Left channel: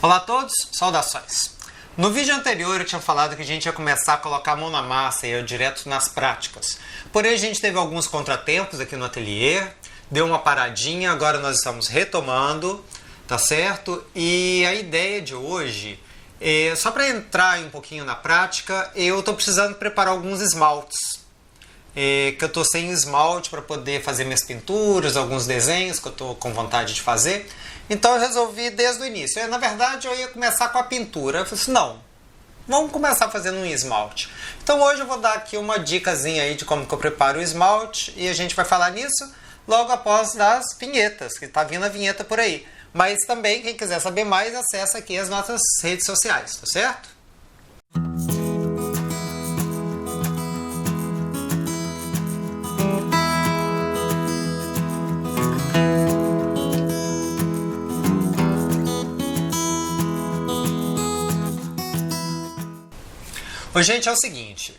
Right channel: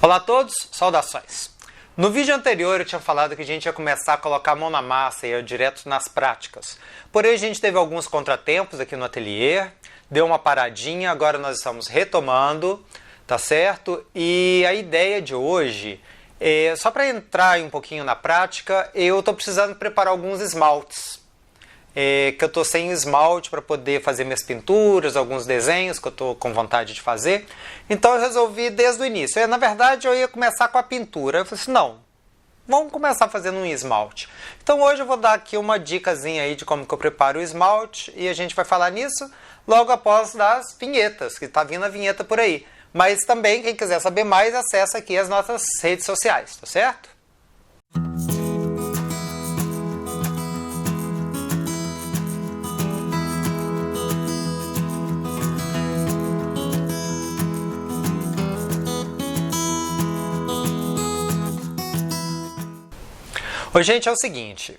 Olá a todos, saudações! No vídeo anterior eu tinha falado que a gente ia começar a colocar a mão na massa e ir direto nas práticas. Porém a gente teve alguns contratempos aqui no ateliê, deu uma paradinha, agora nós estamos retomando, tá certo? E a ideia de hoje é, só para entrar um pouquinho na prática, eu estou precisando preparar alguns esmaltes. Que eu estou sem esmalte para poder fazer minhas pinturas, alguns desenhos que eu estou com vontade de fazer. Então eu resolvi desde o início. Na verdade eu ia começar com a pintura. Eu falei assim, não, vamos começar fazendo um esmalte. Então hoje eu vou dar aqui uma dicasinha aí de como que eu preparo o esmalte e a gente vai falar nisso logo após das vinhetas, que está vindo a vinheta por aí. Mas também quem quiser saber mais, acessa aqui as nossas redes sociais, tá certo? Oi, gente, é o seguinte,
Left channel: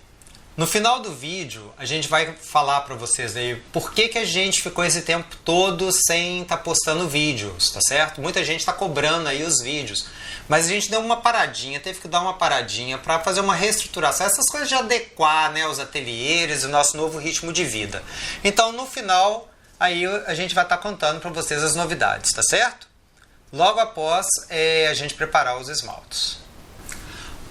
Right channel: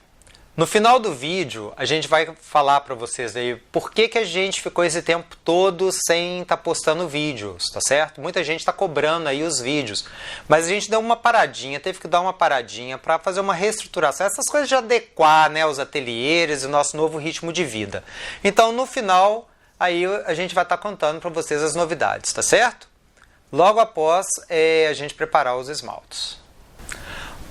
no final do vídeo a gente vai falar para vocês aí por que a gente ficou esse tempo todo sem estar postando vídeos, tá certo? Muita gente está cobrando aí os vídeos, mas a gente deu uma paradinha, teve que dar uma paradinha para fazer uma reestruturação, essas coisas de adequar, né, os ateliês e o nosso novo ritmo de vida. Então no final aí a gente vai estar contando para vocês as novidades, tá certo? Logo após a gente preparar os esmaltes.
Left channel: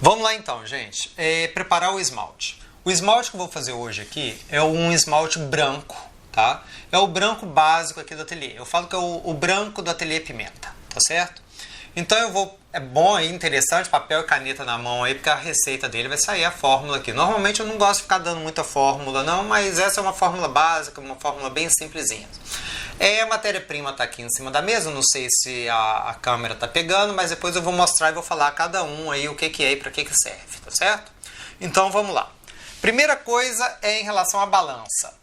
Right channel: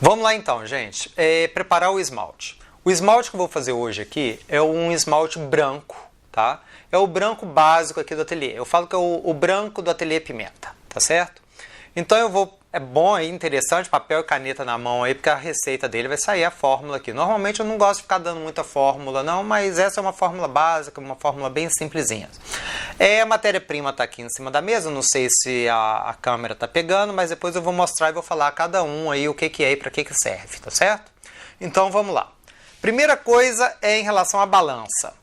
Vamos lá então, gente, preparar o esmalte. O esmalte que eu vou fazer hoje aqui é um esmalte branco, tá? É o branco básico aqui do ateliê. Eu falo que é o branco do ateliê Pimenta, tá certo? Então eu vou, é bom aí, interessante, papel e caneta na mão aí, porque a receita dele vai sair a fórmula aqui. Normalmente eu não gosto de ficar dando muita fórmula não, mas essa é uma fórmula básica, uma fórmula bem simplesinha. A matéria-prima está aqui em cima da mesa, não sei se a câmera está pegando, mas depois eu vou mostrar e vou falar a cada um aí o que é e para que serve, tá certo? Então vamos lá. Primeira coisa é em relação à balança.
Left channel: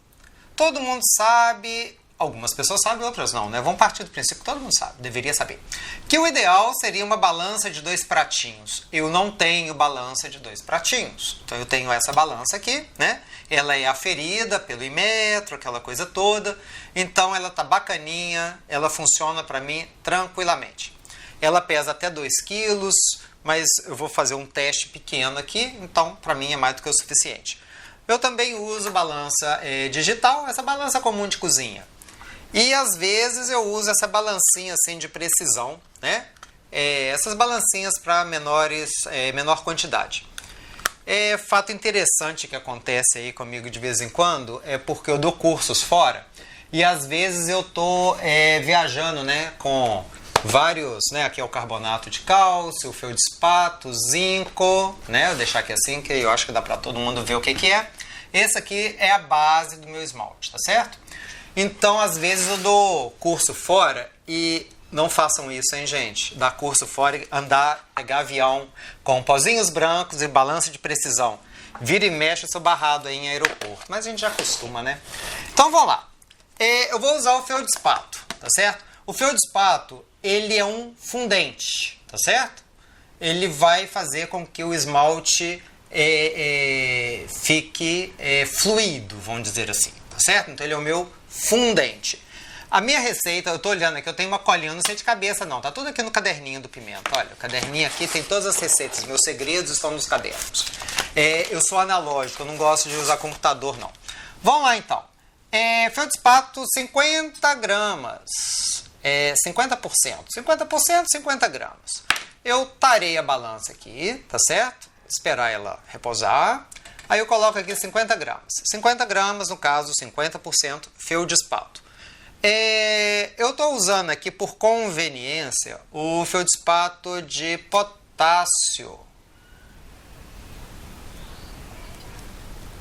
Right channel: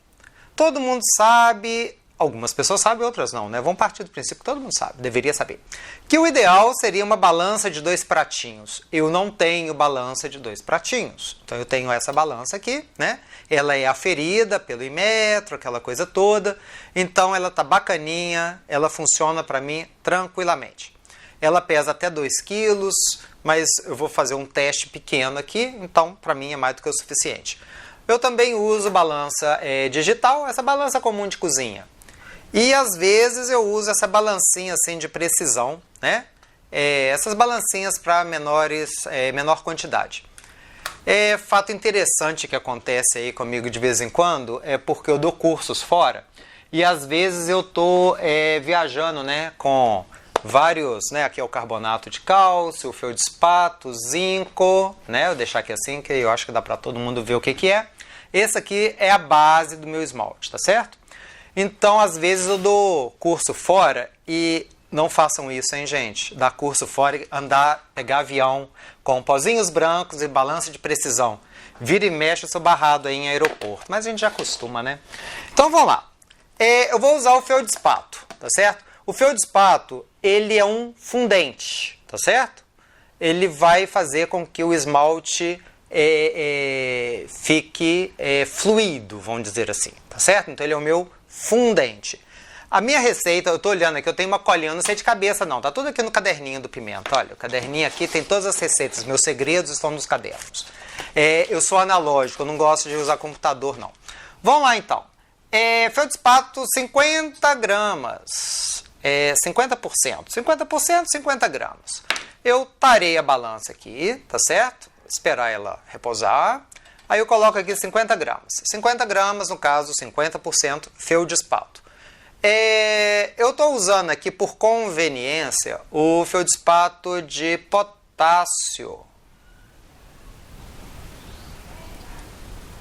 Todo mundo sabe, algumas pessoas sabem, outras não, né? Vamos partir do princípio que todo mundo sabe, deveria saber. Que o ideal seria uma balança de 2 pratinhos. Eu não tenho balança de 2 pratinhos. Então eu tenho essa balança aqui, né? Ela é aferida pelo Inmetro, aquela coisa toda. Então ela tá bacaninha, ela funciona para mim tranquilamente. Ela pesa até 2 quilos, mas eu vou fazer um teste pequeno aqui, então para mim é mais do que o suficiente. Eu também uso balança digital, essa balança comum de cozinha. E às vezes eu uso essa balancinha assim de precisão, né? Essas balancinhas para menor quantidade. Fato interessante que acontece aí comigo de vez em quando é porque eu dou cursos fora e às vezes eu tô viajando, né, com vários, né, aqui é o carbonato de cálcio, o feldspato, zinco, né? Vou deixar aqui assim que eu acho que dá para todo mundo ver o que é. Esse aqui é a base do meu esmalte, tá certo? Então, às vezes eu dou curso fora e não façam isso, hein, gente? Dar curso fora e pegar avião com pozinhos brancos e balança de precisão. Vira e mexe, eu sou barrado aí em aeroporto. Mas a gente já acostuma, né? Então, vamos lá. Eu vou usar o feldspato, tá certo? O feldspato, ele é um fundente, tá certo? Ele vai fazer com que o esmalte fique fluido, vamos dizer assim, tá certo? Então, ele é o meu fundente. A minha receita, eu tô olhando aqui, eu tenho uma colinha, não sei de cabeça não, tá tudo aqui no caderninho do Pimenta. Olha, o caderninho aqui tem todas as receitas, meus segredos estão nos cadernos. Eu sou analógico, eu não gosto de usar computador não. Vamos lá então. Feldspato 50 gramas, 50%, 50 gramas. Eu tarei a balança aqui, tá certo? Esperar ela repousar. Aí eu coloco aqui 50 gramas. 50 gramas, no caso, 50% feldspato. Eu estou usando aqui, por conveniência, o feldspato de potássio.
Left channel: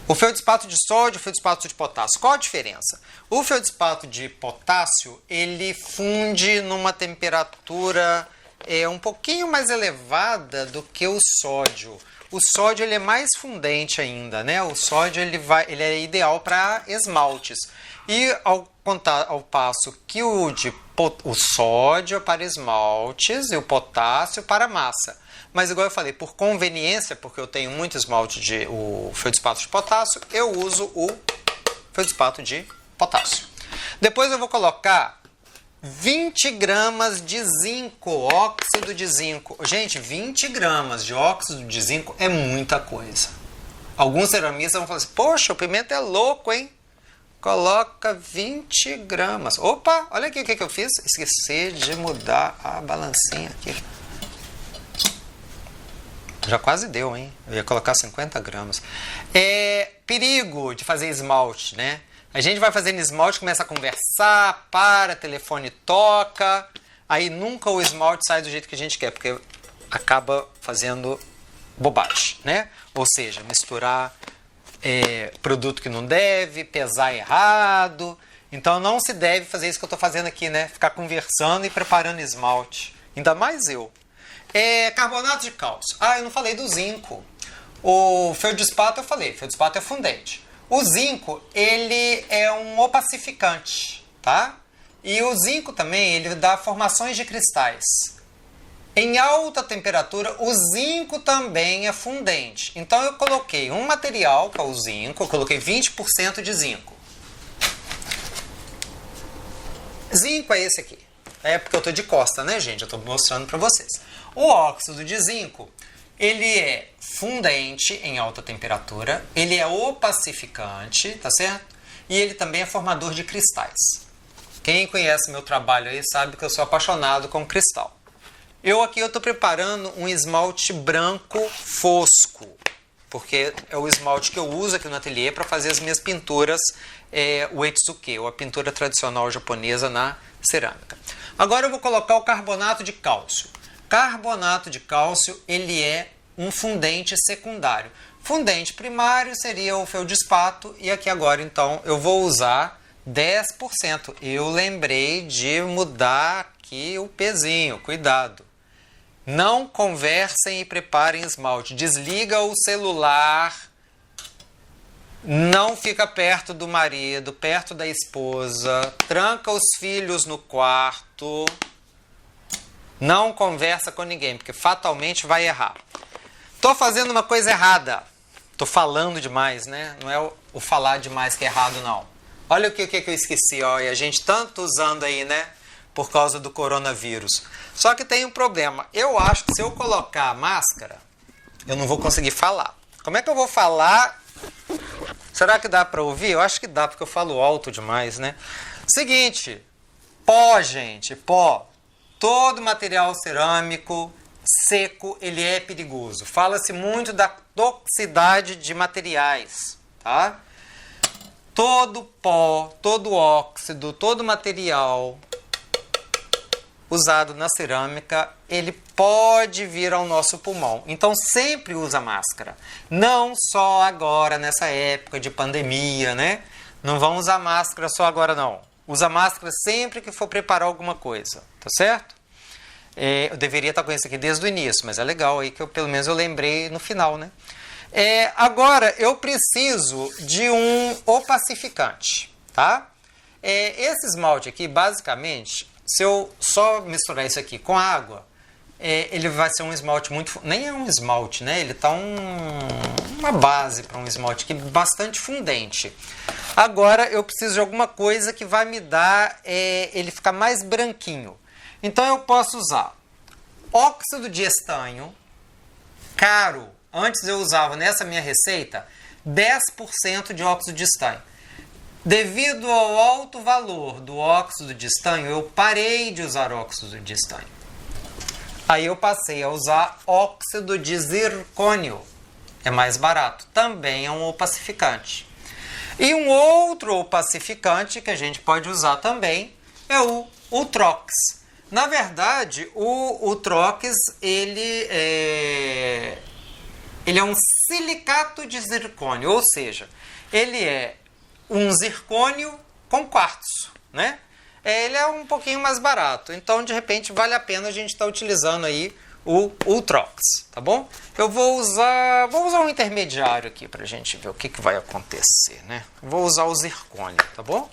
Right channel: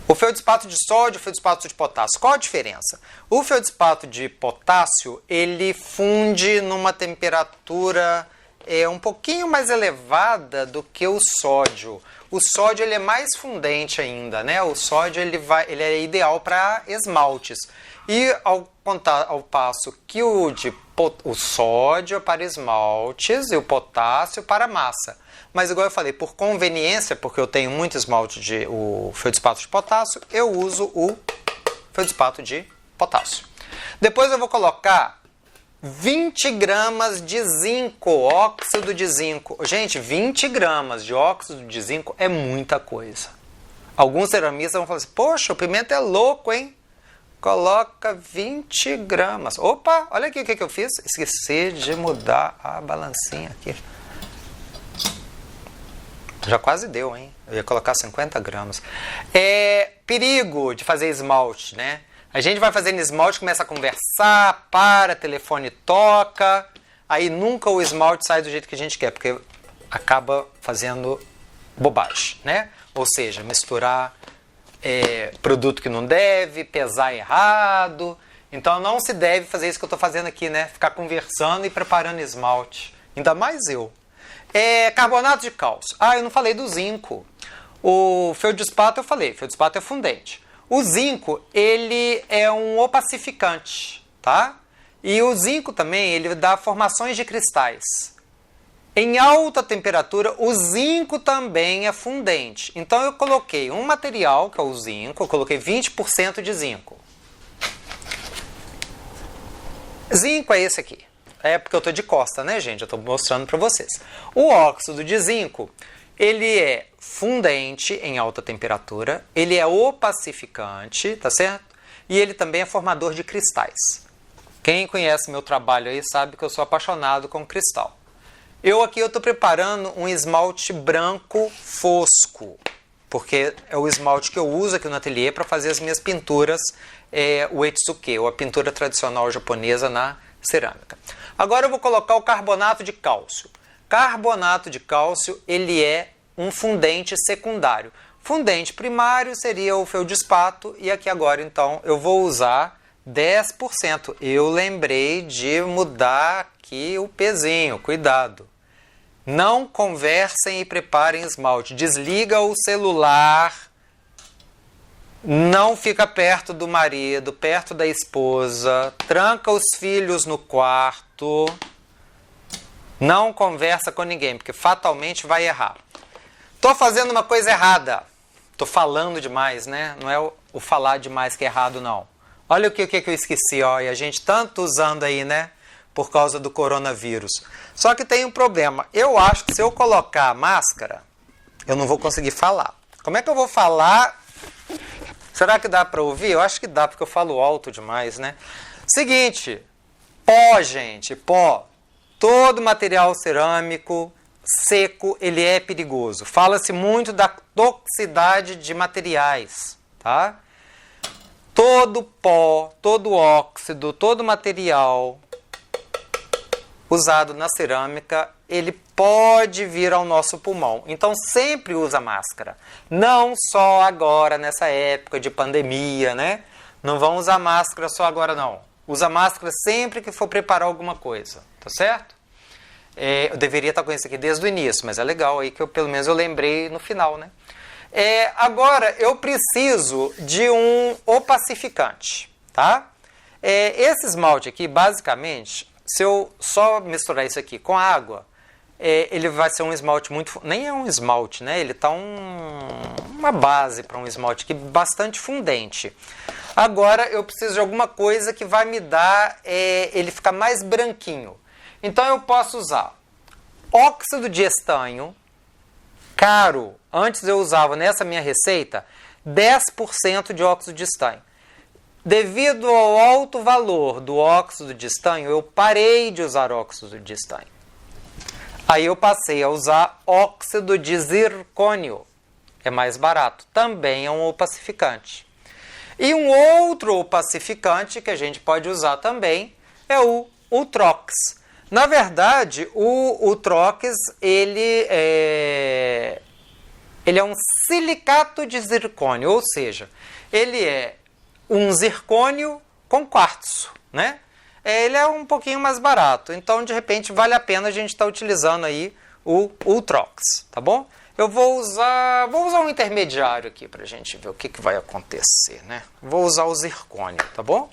O feldspato de sódio e o feldspato de potássio. Qual a diferença? O feldspato de potássio, ele funde numa temperatura um pouquinho mais elevada do que o sódio. O sódio ele é mais fundente ainda, né? O sódio ele é ideal para esmaltes. E ao passo que o sódio é para esmaltes e o potássio para massa. Mas igual eu falei, por conveniência, porque eu tenho muito esmalte o feldspato de potássio, eu uso o feldspato de potássio. Depois eu vou colocar 20 gramas de zinco, óxido de zinco. Gente, 20 gramas de óxido de zinco é muita coisa. Alguns ceramistas vão falar assim, poxa, o Pimenta é louco, hein? Coloca 20 gramas. Opa, olha aqui o que eu fiz. Esqueci de mudar a balancinha aqui. Já quase deu, hein? Eu ia colocar 50 gramas. Perigo de fazer esmalte, né? A gente vai fazendo esmalte, começa a conversar, telefone toca, aí nunca o esmalte sai do jeito que a gente quer, porque acaba fazendo bobagem, né? Ou seja, misturar produto que não deve, pesar errado. Então não se deve fazer isso que eu estou fazendo aqui, né? Ficar conversando e preparando esmalte. Ainda mais eu. Carbonato de cálcio. Eu não falei do zinco. O feldspato eu falei, feldspato é fundente. O zinco, ele é um opacificante, tá? E o zinco também, ele dá formações de cristais. Em alta temperatura, o zinco também é fundente. Então eu coloquei um material, que é o zinco, eu coloquei 20% de zinco. Zinco é esse aqui. É porque eu estou de costa, né, gente? Eu estou mostrando para vocês. O óxido de zinco, ele é fundente em alta temperatura, ele é opacificante, tá certo? E ele também é formador de cristais. Quem conhece meu trabalho aí sabe que eu sou apaixonado com cristal. Eu estou preparando um esmalte branco fosco, porque é o esmalte que eu uso aqui no ateliê para fazer as minhas pinturas, o Etsuke, ou a pintura tradicional japonesa na cerâmica. Agora eu vou colocar o carbonato de cálcio. Carbonato de cálcio, ele é um fundente secundário. Fundente primário seria o feldspato, e aqui agora então eu vou usar 10%. Eu lembrei de mudar aqui o pezinho, cuidado. Não conversem e preparem esmalte. Desliga o celular, não fica perto do marido, perto da esposa, tranca os filhos no quarto, não conversa com ninguém, porque fatalmente vai errar. Tô fazendo uma coisa errada. Tô falando demais, né? Não é o falar demais que é errado, não. Olha o que eu esqueci, ó, e a gente tanto usando aí, né? Por causa do coronavírus. Só que tem um problema. Eu acho que se eu colocar a máscara, eu não vou conseguir falar. Como é que eu vou falar? Será que dá para ouvir? Eu acho que dá, porque eu falo alto demais, né? Seguinte, pó, gente, pó. Todo material cerâmico seco, ele é perigoso. Fala-se muito da toxicidade de materiais, tá? Todo pó, todo óxido, todo material usado na cerâmica, ele pode vir ao nosso pulmão. Então sempre usa máscara. Não só agora, nessa época de pandemia, né? Não vão usar máscara só agora, não. Usa máscara sempre que for preparar alguma coisa, tá certo? Eu deveria estar com isso aqui desde o início, mas é legal aí que pelo menos eu lembrei no final, né? Agora eu preciso de um opacificante, tá? Esse esmalte aqui, basicamente, se eu só misturar isso aqui com água, ele vai ser um esmalte muito... Nem é um esmalte, né? Ele tá uma base para um esmalte aqui bastante fundente. Agora eu preciso de alguma coisa que vai me dar ele ficar mais branquinho. Então eu posso usar óxido de estanho, caro. Antes eu usava nessa minha receita 10% de óxido de estanho. Devido ao alto valor do óxido de estanho, eu parei de usar óxido de estanho. Aí eu passei a usar óxido de zircônio. É mais barato. Também é um opacificante. E um outro opacificante que a gente pode usar também é o Ultrox. Na verdade, o Ultrox, ele é um silicato de zircônio, ou seja, ele é um zircônio com quartzo, né? Ele é um pouquinho mais barato, então de repente vale a pena a gente estar utilizando aí o Ultrox, tá bom? Eu vou usar um intermediário aqui pra gente ver o que vai acontecer, né? Vou usar o zircônio, tá bom?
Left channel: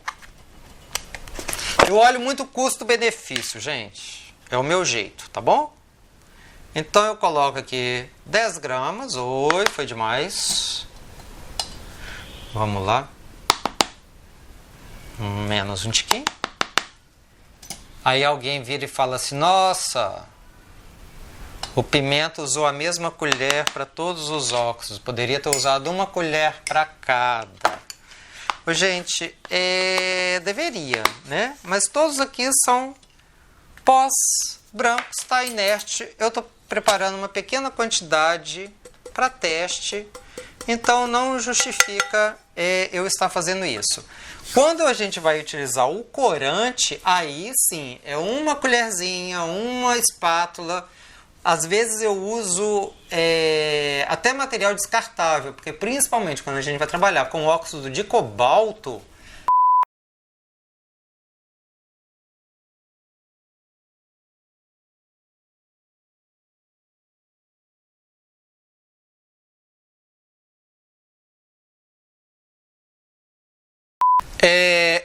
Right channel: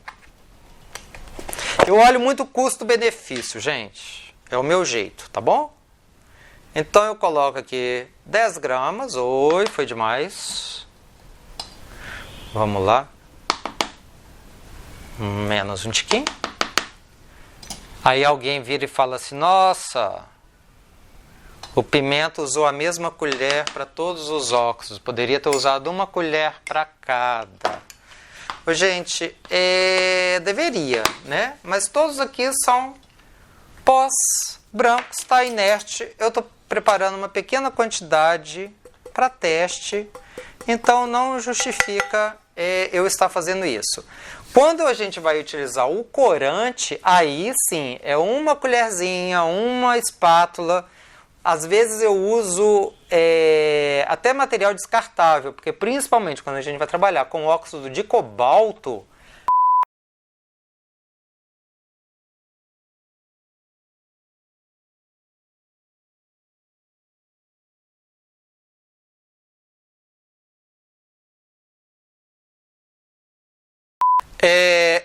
Eu olho muito custo-benefício, gente. É o meu jeito, tá bom? Então eu coloco aqui 10 gramas. Oi, foi demais. Vamos lá. Menos um tiquinho. Aí alguém vira e fala assim, nossa, o Pimenta usou a mesma colher para todos os óxidos, poderia ter usado uma colher para cada. Ô, gente, deveria, né? Mas todos aqui são pós brancos, está inerte. Eu estou preparando uma pequena quantidade para teste, então não justifica eu estar fazendo isso. Quando a gente vai utilizar o corante, aí sim, é uma colherzinha, uma espátula. Às vezes eu uso até material descartável, porque principalmente quando a gente vai trabalhar com óxido de cobalto,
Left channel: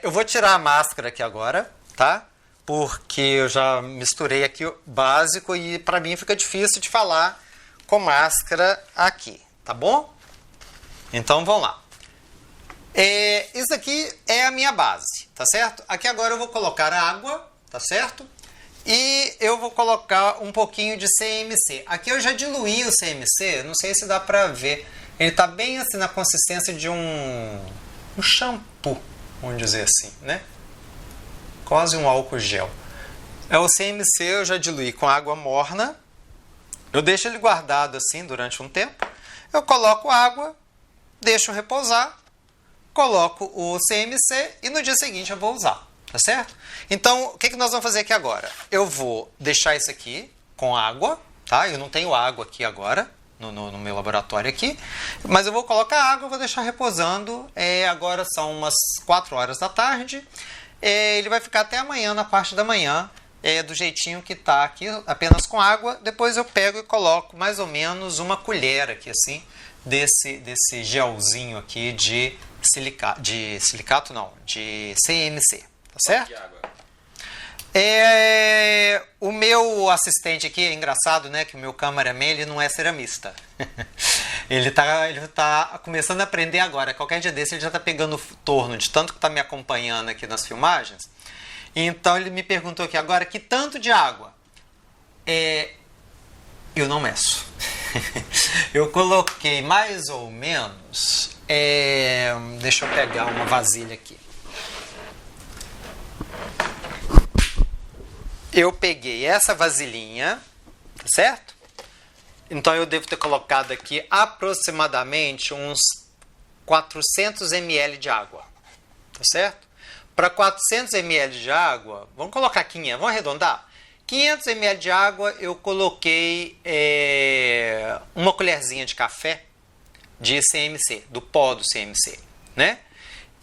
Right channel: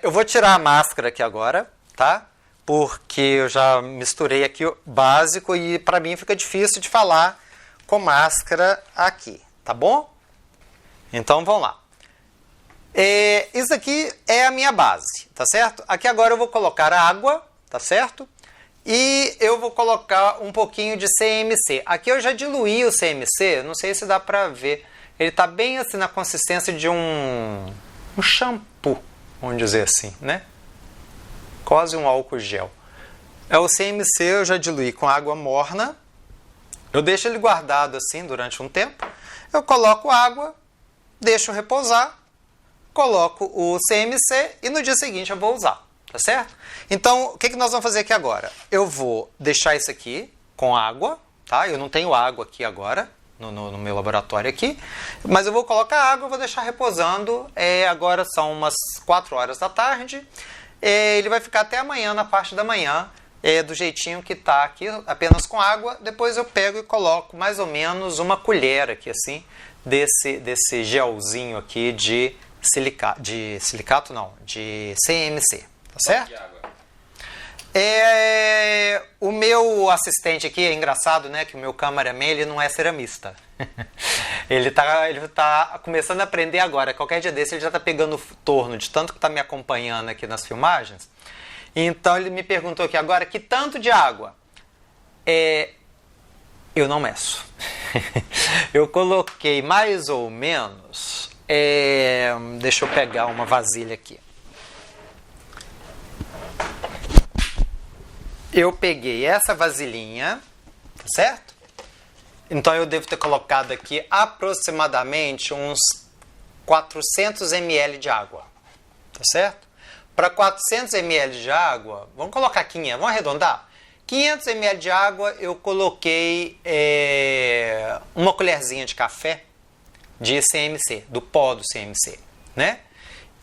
eu vou tirar a máscara aqui agora, tá? Porque eu já misturei aqui o básico e para mim fica difícil de falar com máscara aqui, tá bom? Então vamos lá. Isso aqui é a minha base, tá certo? Aqui agora eu vou colocar água, tá certo? E eu vou colocar um pouquinho de CMC. Aqui eu já diluí o CMC, não sei se dá pra ver. Ele tá bem assim na consistência de um shampoo, vamos dizer assim, né? Quase um álcool gel. O CMC eu já diluí com água morna. Eu deixo ele guardado assim durante um tempo. Eu coloco água, deixo repousar, coloco o CMC e no dia seguinte eu vou usar, tá certo? Então, o que nós vamos fazer aqui agora? Eu vou deixar isso aqui com água, tá? Eu não tenho água aqui agora, no meu laboratório aqui, mas eu vou colocar água, vou deixar reposando. Agora são umas 4 horas da tarde. Ele vai ficar até amanhã, na parte da manhã, do jeitinho que tá aqui, apenas com água. Depois eu pego e coloco mais ou menos uma colher aqui, assim, desse gelzinho aqui de silicato não, de CMC, tá certo? O meu assistente aqui, é engraçado, né, que o meu cameraman, ele não é ceramista. ele tá começando a aprender agora. Qualquer dia desse ele já tá pegando o torno de tanto que tá me acompanhando aqui nas filmagens. Então ele me perguntou aqui agora, que tanto de água? Eu não meço. Eu coloquei mais ou menos... deixa eu pegar uma vasilha aqui. Eu peguei essa vasilhinha, tá certo? Então eu devo ter colocado aqui aproximadamente uns 400 ml de água, tá certo? Para 400 ml de água, vamos colocar 500, vamos arredondar? 500 ml de água eu coloquei uma colherzinha de café de CMC, do pó do CMC, né?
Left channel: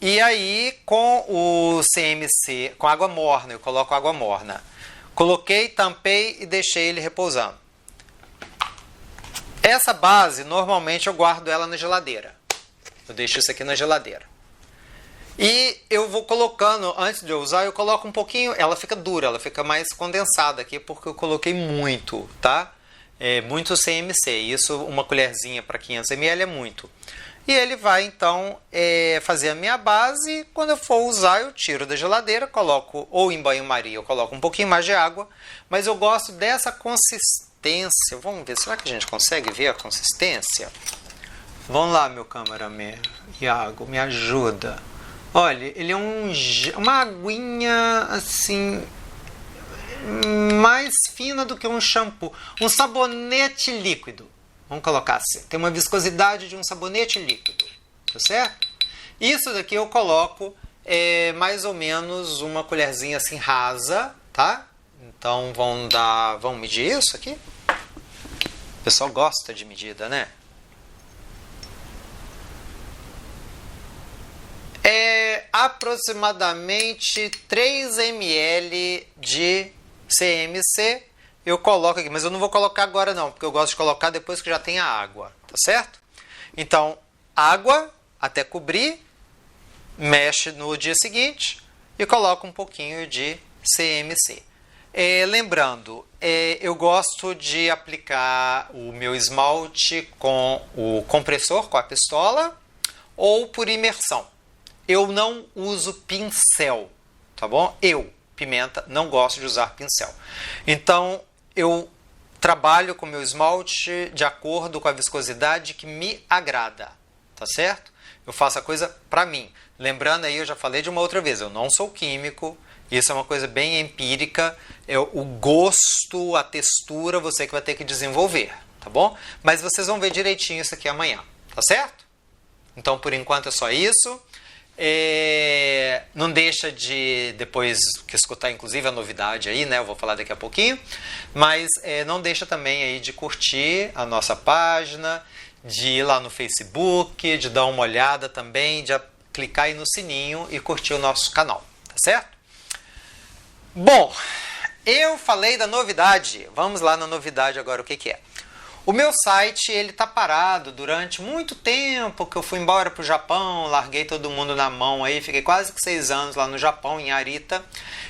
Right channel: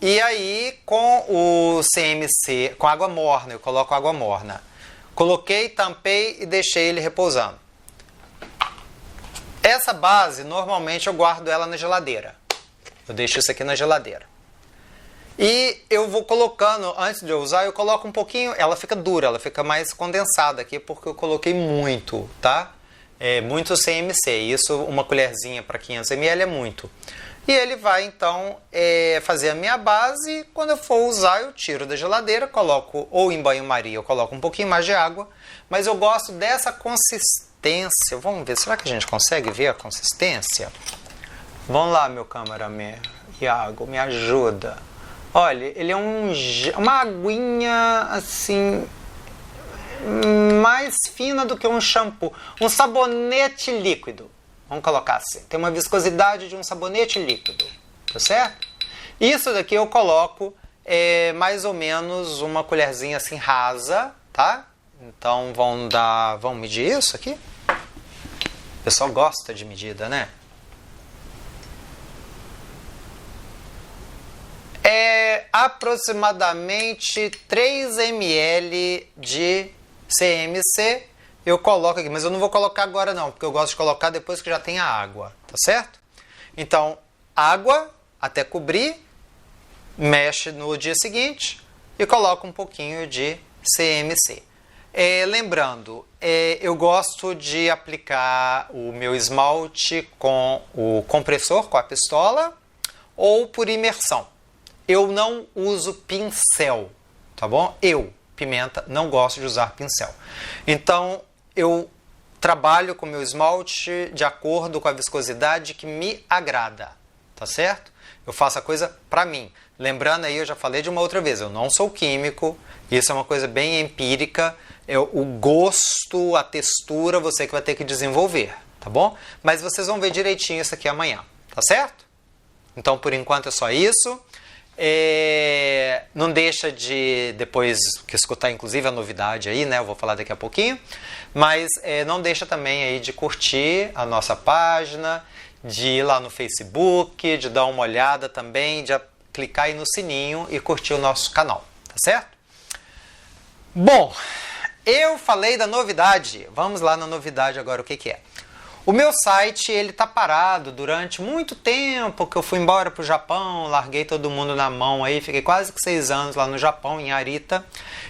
E aí com o CMC, com água morna, eu coloco água morna. Coloquei, tampei e deixei ele repousando. Essa base, normalmente eu guardo ela na geladeira. Eu deixo isso aqui na geladeira. E eu vou colocando, antes de eu usar, eu coloco um pouquinho, ela fica dura, ela fica mais condensada aqui, porque eu coloquei muito, tá? Muito CMC, isso uma colherzinha para 500 ml é muito. E ele vai então fazer a minha base. Quando eu for usar, eu tiro da geladeira, coloco ou em banho-maria, eu coloco um pouquinho mais de água, mas eu gosto dessa consistência. Vamos ver, será que a gente consegue ver a consistência? Vamos lá, meu cameraman, Iago, me ajuda. Olha, ele é uma aguinha assim, mais fina do que um shampoo, um sabonete líquido. Vamos colocar assim, tem uma viscosidade de um sabonete líquido, tá certo? Isso daqui eu coloco mais ou menos uma colherzinha assim rasa, tá? Então vamos medir isso aqui? O pessoal gosta de medida, né? Aproximadamente 3 ml de CMC. Eu coloco aqui, mas eu não vou colocar agora não, porque eu gosto de colocar depois que já tem a água, tá certo? Então, água até cobrir, mexe no dia seguinte e coloca um pouquinho de CMC. Lembrando, eu gosto de aplicar o meu esmalte com o compressor, com a pistola, ou por imersão. Eu não uso pincel, tá bom? pimenta, não gosto de usar pincel. Então, eu trabalho com meu esmalte de acordo com a viscosidade que me agrada, tá certo? Eu faço a coisa pra mim. Lembrando aí, eu já falei de uma outra vez, eu não sou químico, isso é uma coisa bem empírica, o gosto, a textura, você que vai ter que desenvolver, tá bom? Mas vocês vão ver direitinho isso aqui amanhã, tá certo? Então, por enquanto é só isso. Não deixa de depois que escutar inclusive a novidade aí, né? Eu vou falar daqui a pouquinho. Mas não deixa também aí de curtir a nossa página, de ir lá no Facebook, de dar uma olhada também, de clicar aí no sininho e curtir o nosso canal, tá certo? Bom, eu falei da novidade. Vamos lá na novidade agora, o que que é? O meu site, ele tá parado durante muito tempo, que eu fui embora pro Japão, larguei todo mundo na mão aí, fiquei quase que 6 anos lá no Japão, em Arita,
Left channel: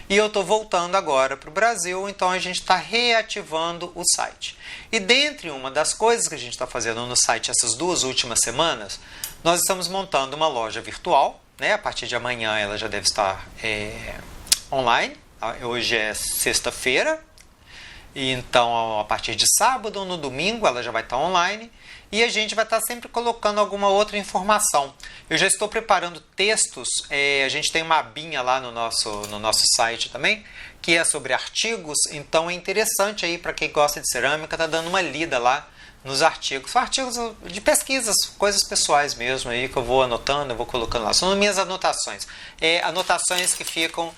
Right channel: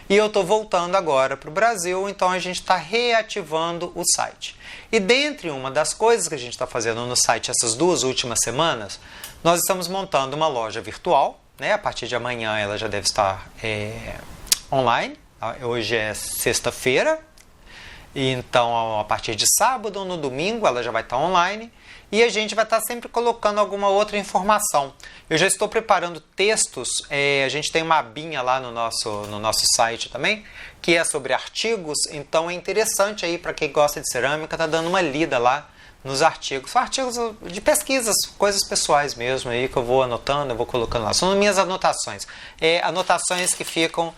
e eu tô voltando agora pro Brasil, então a gente está reativando o site. E dentre uma das coisas que a gente está fazendo no site essas 2 últimas semanas, nós estamos montando uma loja virtual, né? A partir de amanhã ela já deve estar online, hoje é sexta-feira, então, a partir de sábado ou no domingo, ela já vai estar online e a gente vai estar sempre colocando alguma outra informação. Eu já estou preparando textos, a gente tem uma abinha lá no nosso site também, que é sobre artigos, então é interessante aí para quem gosta de cerâmica, tá dando uma lida lá nos artigos. São artigos de pesquisas, coisas pessoais mesmo aí que eu vou anotando, eu vou colocando lá. São minhas anotações. Anotações que ficam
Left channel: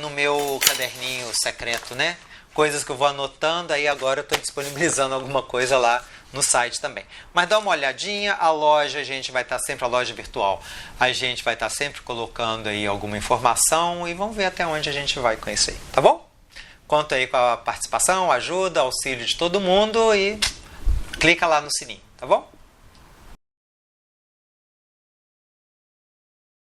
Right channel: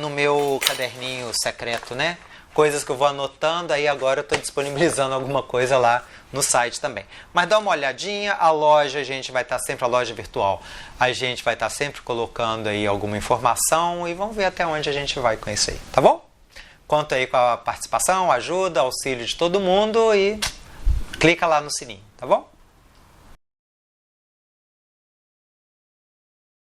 no meu caderninho secreto, né? Coisas que eu vou anotando, aí agora eu estou disponibilizando alguma coisa lá no site também. Mas dá uma olhadinha, a loja, a gente vai estar sempre, a loja virtual, a gente vai estar sempre colocando aí alguma informação e vamos ver até onde a gente vai com isso aí, tá bom? Conto aí com a participação, ajuda, auxílio de todo mundo e clica lá no sininho, tá bom?